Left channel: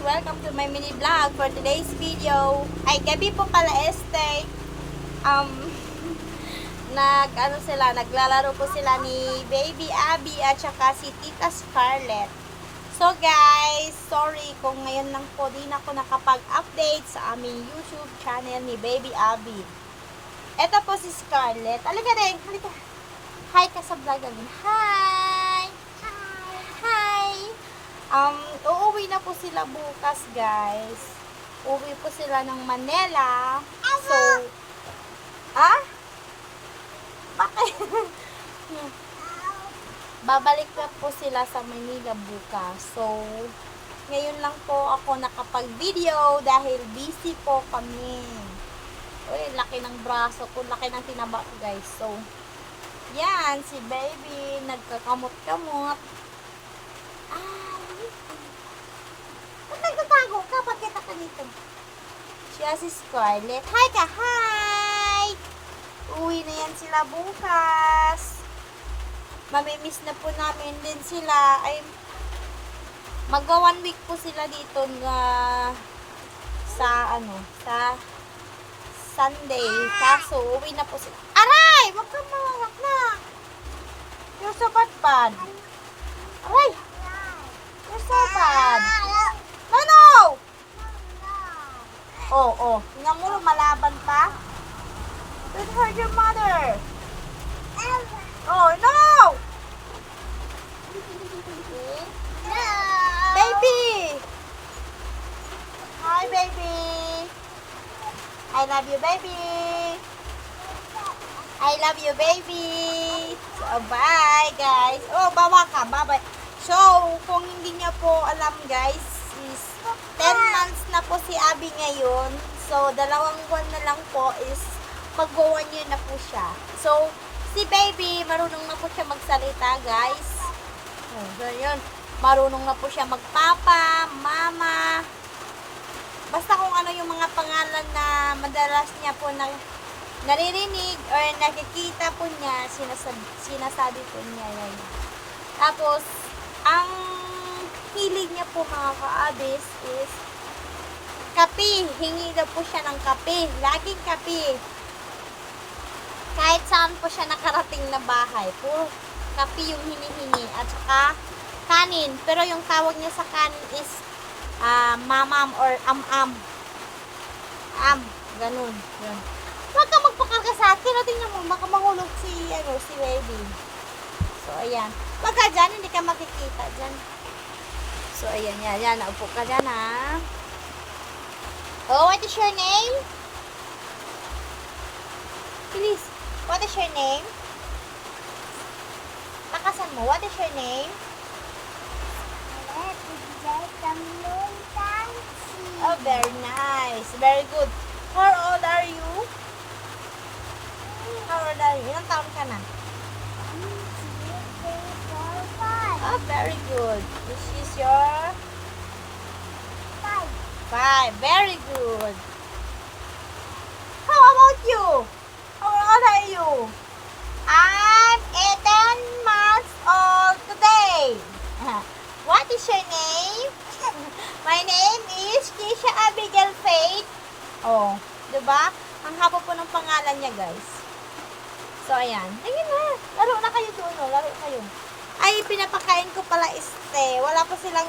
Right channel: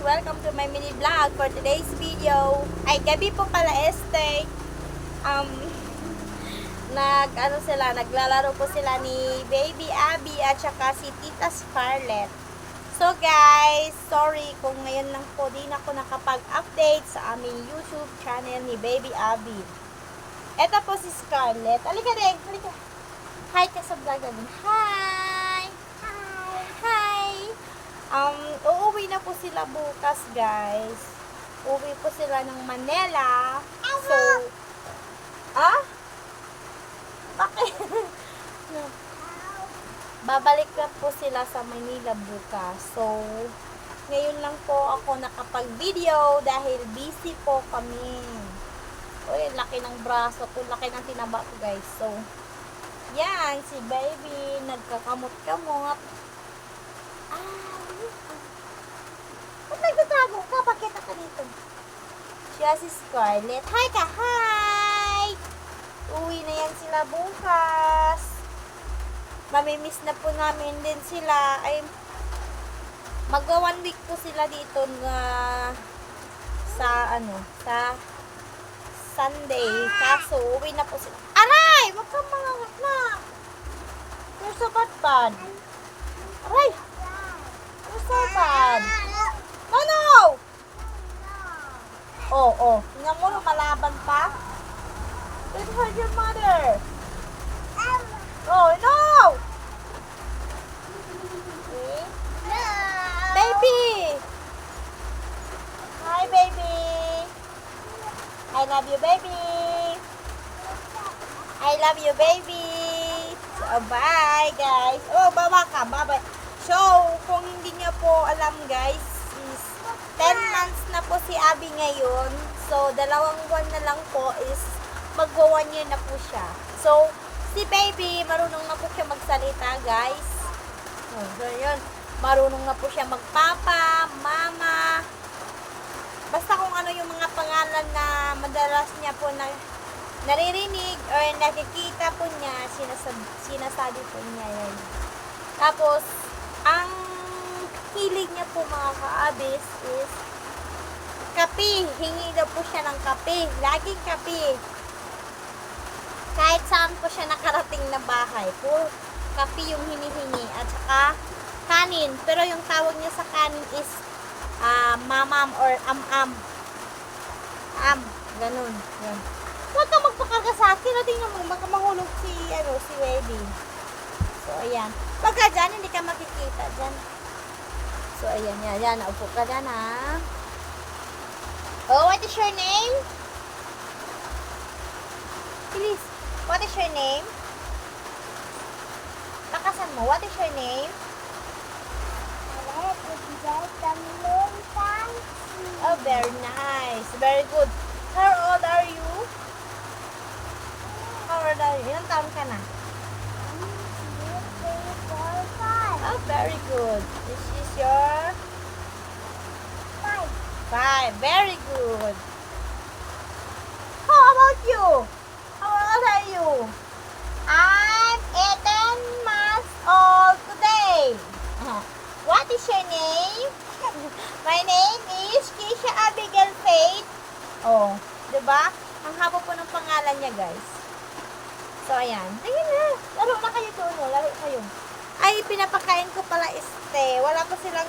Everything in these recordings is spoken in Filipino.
Welcome to my mini vlog for today's video. Ay, gabi po pala, este. Naglalaro po sila ni Baby Abby at saka si Tita Scarlett. So guys, sorry kung ngayon lang po din ako nakapag-update sa aming YouTube channel ni Baby Abby. Ito po si Scarlett. Halika rin, halika. Hi ka sa vlog namin. Hi! Hi! Uuwi na po sila bukas, guys. Uuwi po sila ng Manila. So, bakit? Babalik na po sila sa Manila bukas. So, ngayon lang po ako nakapag-video dahil busy po kami. Uy, laki ng braso ko, laki ng tinaba ko, guys. So, yan, si baby, nagkakamot-kamot. Ba't nagtatago ka? Bakit ka dito? Siya si Scarlett. Hi ka! Hi! Uwi na yan sila bukas. Mamimiss na po namin din sila. Ay, magwa 1 week po sila dito na sa Sunday. Kaso, uwi na po sila. Aray! Wag kang mangangak na. Yung sabat-bad. Aray! Yung sabat. Ano? Oh. Tingnan mo, malaban pa. Don't hurt your mother. Oh, no! Okay. Baby! Hi, baby! I love you, baby! I love you, baby! So, bye, guys! Oh, bawa ka, bye-bye! So, kung hindi niya po alam, guys, is 10 months na po si Abby ngayon. So, 2 buwan na lang po is magwa 1 year na po siya. So, si baby, marunong na po siya magsalita, guys. Oh, so yun. Marunong na po siya magpapa, mama. Basta kung ano yung mga pangalan na madalas niya po naririnig or nakikita po niya, sinasabi po niya yun. Tapos, ang hilig niya po mga ka-abis is kape. Hingi daw po siya ng kape. Laging kape. Kahit saan po siya nakarating na bahay, puro kape yung hinihingi. At saka kanin. Pero yung tawag niya sa kanin is mamam or am-am. Ganun. Yan. Huwag ka magpakarga sa akin. O, tingnan mo, baka mahulog si baby. So, ayan. Huwag ka dyan, hindi ka makikita dyan. So, ayan, yan. Naupo ka dyan, ha. Oh, what is your name? Please. What is your name? Lakasan mo. What is your name? Oh, very nice. Very good. How old are you? How old are you? Ilang taon ka na? Oh, very good. This is your 5. Very good. How about you? How old are you? I'm 18 months old today. What is your name? My name is Keisha Abigail Faith. Oh, diba? Ang haba po ng pangalan niya, guys. So, ayan. Ayun na. Laro na kayo doon, no? Laro kayo. Ay, pinapakain ko pala wala pa silang,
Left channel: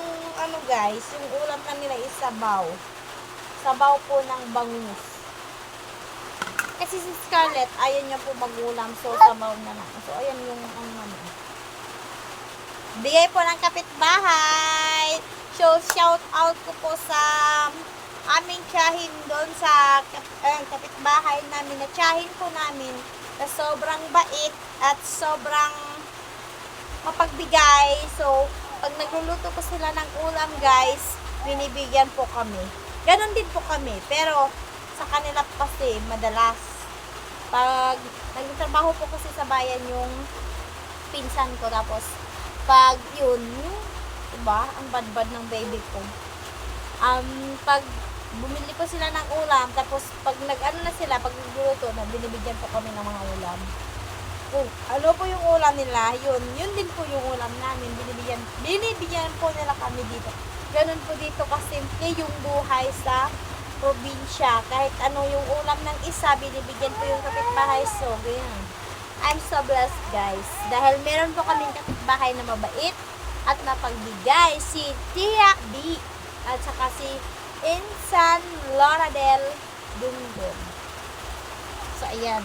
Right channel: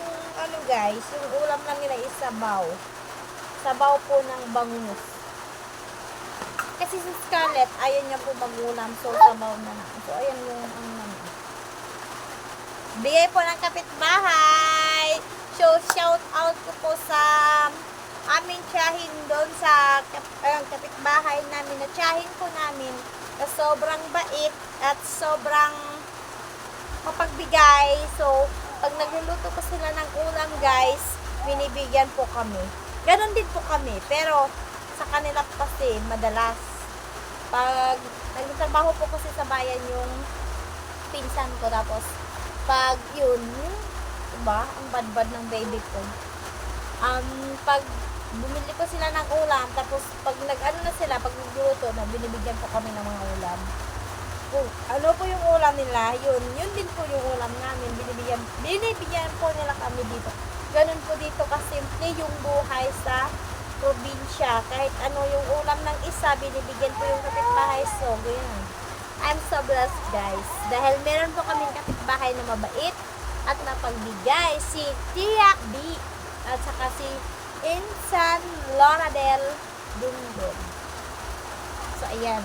guys. Yung ulam na nila is sabaw. Sabaw po ng bangus. Kasi si Scarlett, ayaw niya po magulam. So, sabaw na lang. So, ayan yung bigay po ng kapitbahay. So, shout out ko po sa aming tiyahin doon sa kapitbahay namin. Na tiyahin po namin na sobrang bait at sobrang mapagbigay. So, pag nagluluto po sila ng ulam, guys, binibigyan po kami. Ganon din po kami. Pero, sa kanila kasi, madalas. Pag nagtatrabaho po kasi sa bayan yung pinsan ko. Tapos, pag yun, diba? Ang bad-bad ng baby ko. Pag bumili po sila ng ulam, tapos pag na sila, pag nagluluto na, binibigyan po kami ng mga ulam. Kung ano po yung ulam nila, yun din po yung ulam namin. Binibigyan po nila kami dito. Ganun po dito kasimple yung buhay sa probinsya. Kahit ano yung ulam ng isa, binibigyan ko yung kapitbahay. So, ganyan. I'm so blessed, guys. Dahil meron po kaming kapitbahay na mabait at mapagbigay. Si Tia B. At saka si Insan Loradel Dingdon. So, ayan.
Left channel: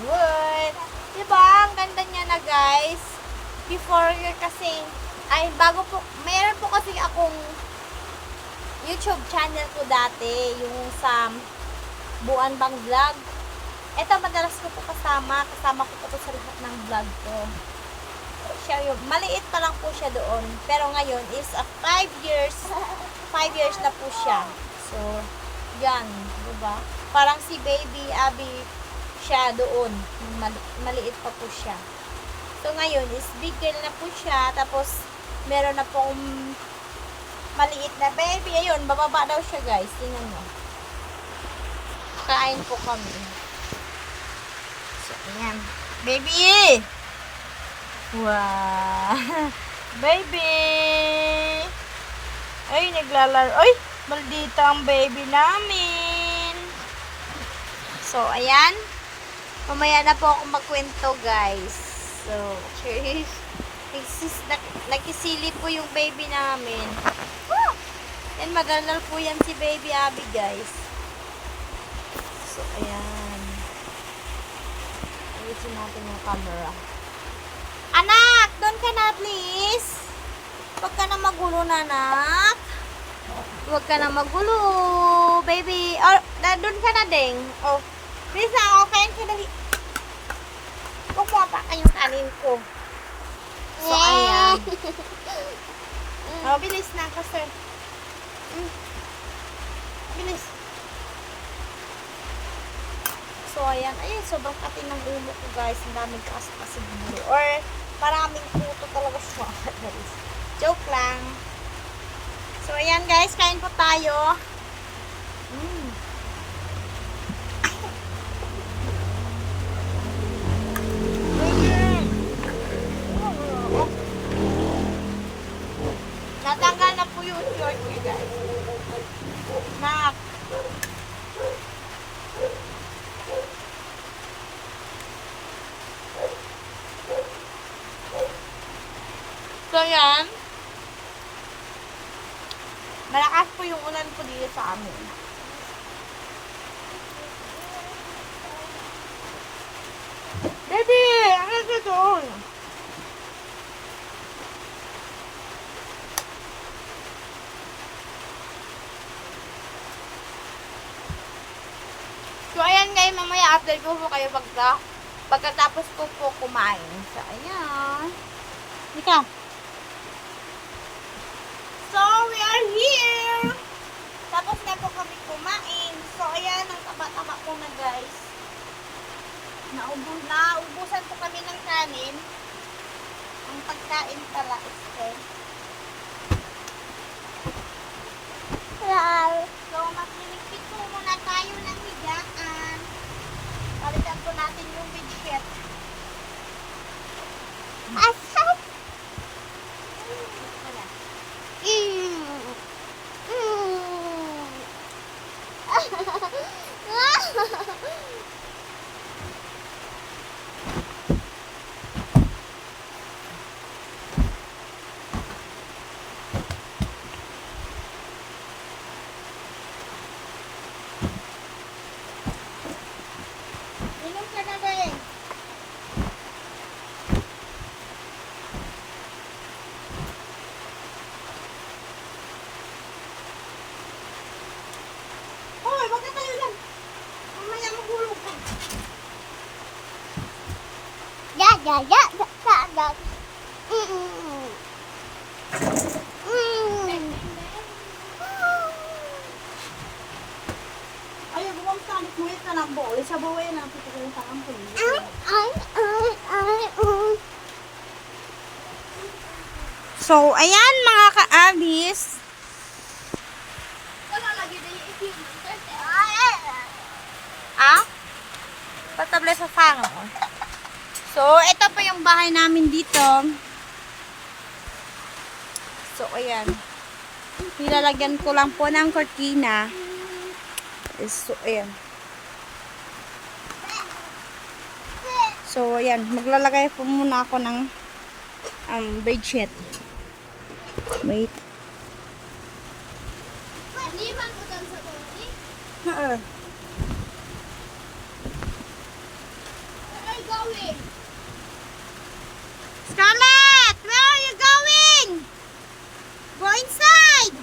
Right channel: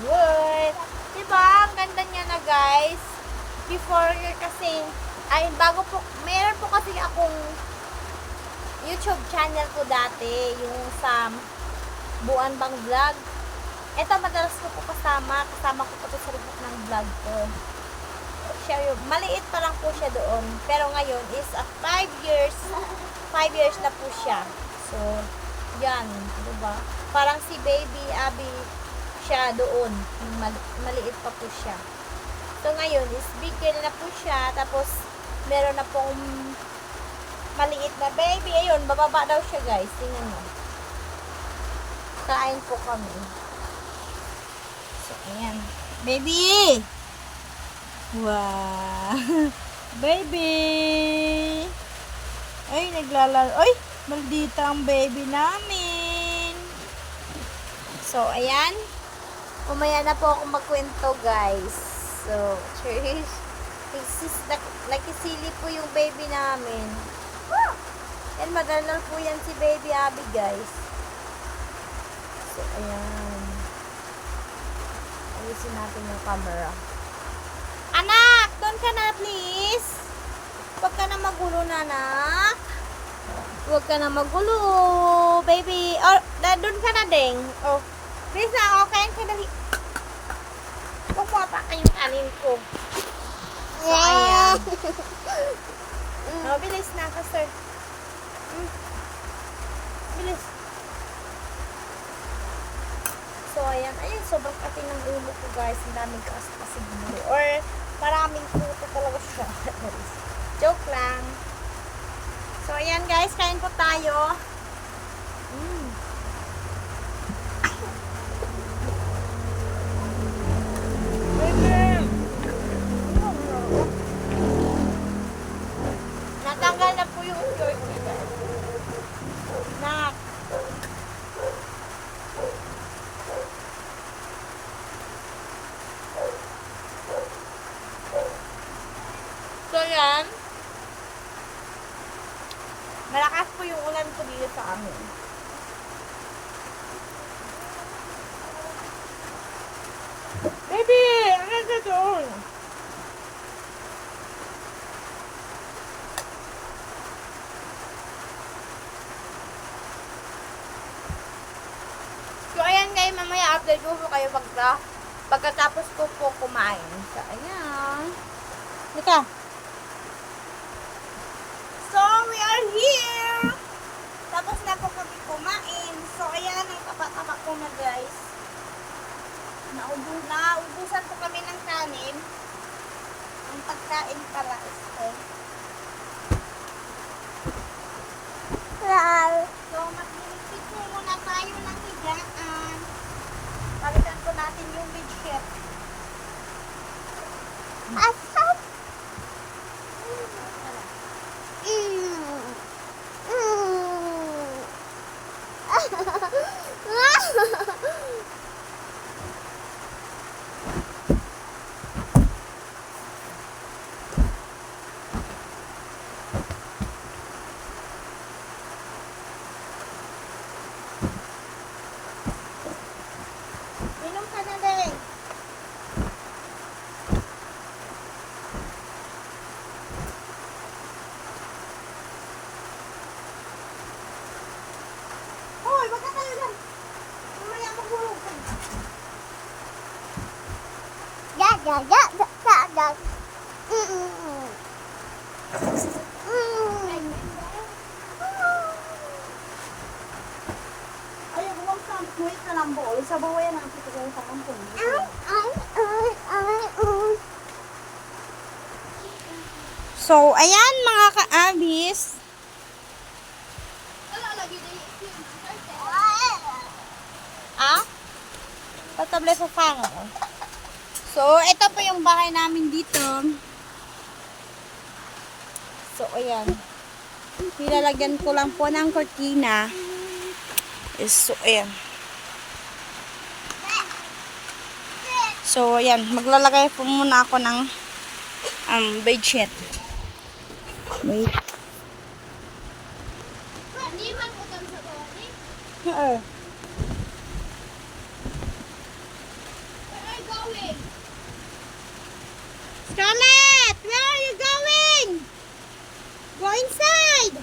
Good. Diba? Ang ganda niya na, guys. Before kasi, ay, bago po, meron po kasi akong YouTube channel ko dati, yung sa Buan Bang Vlog. Ito, madalas ko po kasama ko po to sa lahat ng vlog ko. Siya yung, maliit pa lang po siya doon, pero ngayon is 5 years, 5 years na po siya. So, yan, diba? Parang si Baby Abby siya doon, maliit pa po siya. So, ngayon is bigger na po siya, tapos meron na pong maliit na baby. Ayun, bababa daw siya, guys. Tingnan nyo. Kain po kami. So, ayan. Baby! Wow! Baby! Ay, naglalaro. Ay, maldita ang baby namin. So, ayan. Mamaya na po ako magkwento, guys. So, nakisili po yung baby namin. And magagal po yan si Baby Abby, guys. So, ayan. Ayusin natin yung camera. Anak! Doon ka na, please! Huwag ka na magulo na, anak. Huwag ka na magulo, baby. Or, doon ka na, ding. Oh, please na, okay ka na. Huwag mo apakan yung kanin ko. So, ayan. Oh, bilis na ka, sir. Bilis. So, ayan. Ayun, sobrang katin ng ulo ko, guys. Ang daming kasi bulo. Or, maraming puto talaga siya. Joke lang. So, ayan, guys. Kain po tayo. Natanggal na po yung short niya, guys. Nak. So, yan. Malakas po yung ulan po dito sa amin. Baby! Ang ganda doon! So, ayan guys, mamaya update ko po kayo pagkatapos ko po kumain. So, ayan. Nika. So, we are here! Tapos na po kami kumain. So, ayan, ang taba-taba ko na, guys. Naubusan po kami ng kanin. Ang pagkain pala is So, magliligpit po muna tayo ng higaan. Palitan po natin yung bedsheet. Asay! Inom ka na din. Hoy, wag ka tayo lang. Mamaya magulog ka. Ay, buwang sa kuwit na ng buo. Sa buo yan ang tutulong sa kampon. So, ayan mga ka-abis. Ah? Patable sa fango. So, ito po yung bahay namin dito. So, ayan. Nilalagyan ko lang po ng cortina. So, ayan. So, ayan. Maglalagay po muna ako ng bedsheet. Wait. Oo. Scarlett, where are you going? Go inside.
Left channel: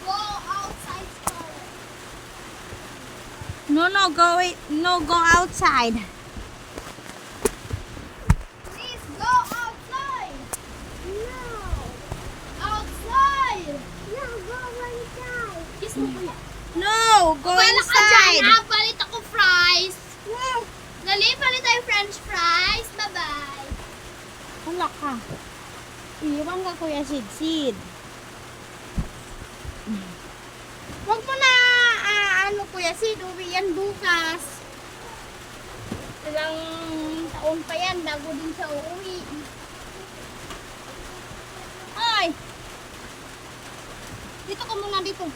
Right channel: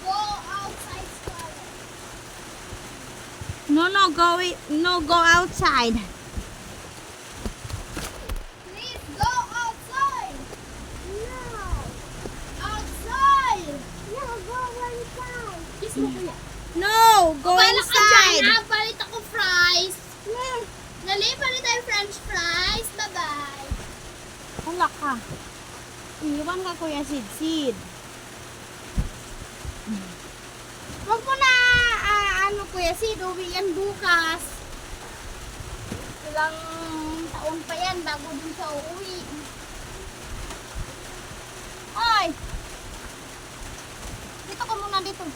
Go outside, Scarlett. No, go outside. Please go outside. No. Outside. No, go inside. Kiss mo kuya. No, go inside. Palit ako fries. Dali, palit tayo french fries. Bye-bye. Wala ka. Iwan ka, Kuya Sid. Huwag mo na, Kuya Sid, uwi yan bukas. Ilang taon pa yan bago din siya uuwi. Ay! Dito ka muna dito.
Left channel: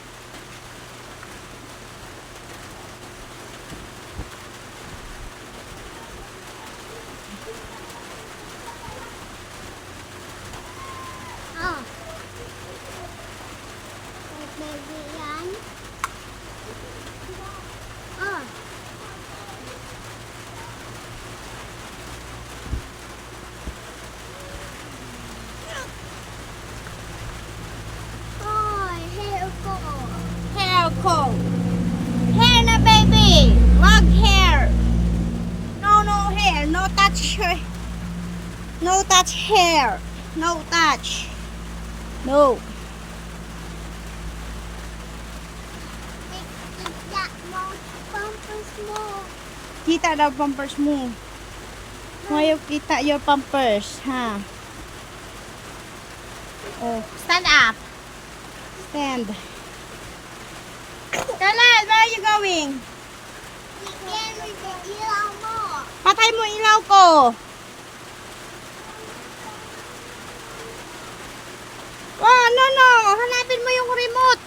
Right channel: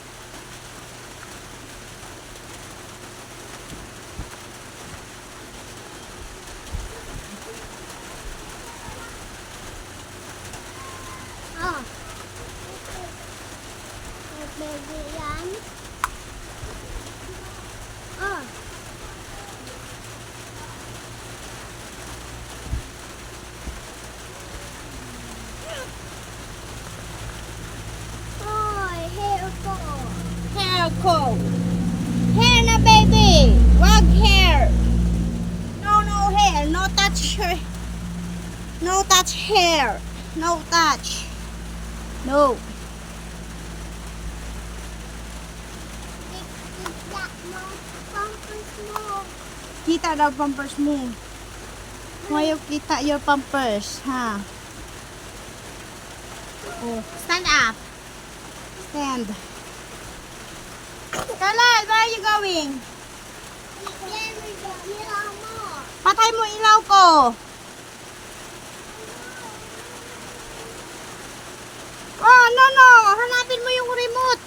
Ah. Baby yan. Ah. Ay, hair ko. Hair ko. Hair na, baby. Wag hair. No hair. No touch hair. No touch hair. No touch. No. Kita mo, pampers mo. Kita daw pampers mo. Ngayon kita your pampers, ha? Oh, stand up. Stand. Scarlett, where are you going? Yan, may ilaw mo. Patay mo ilaw ko. Oh, no. Hanapin mo yung remote.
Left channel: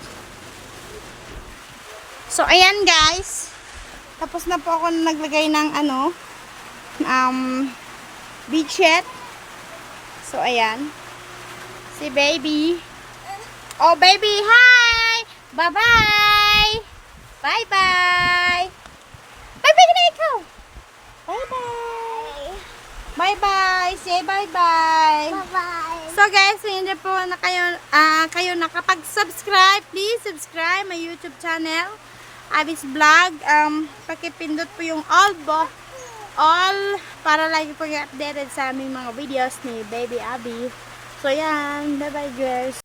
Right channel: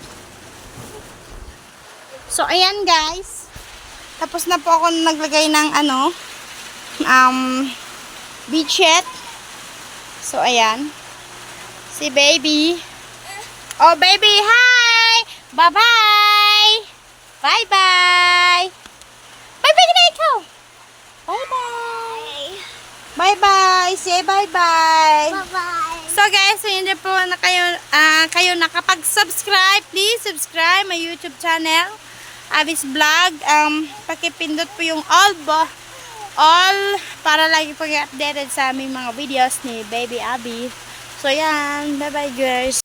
So, ayan guys. Tapos na po ako naglagay ng bedsheet. So, ayan. Si baby. Oh, baby, hi! Bye-bye! Bye-bye! Bye-bye na ikaw! Bye-bye! Bye-bye! Say bye-bye! Bye-bye. So guys, so hindi po na kayo nakapag-subscribe, please subscribe my YouTube channel, Abby's Vlog. Pakipindot po yung all para lagi po yung updated sa aming mga videos ni Baby Abby. So yan, bye bye guys.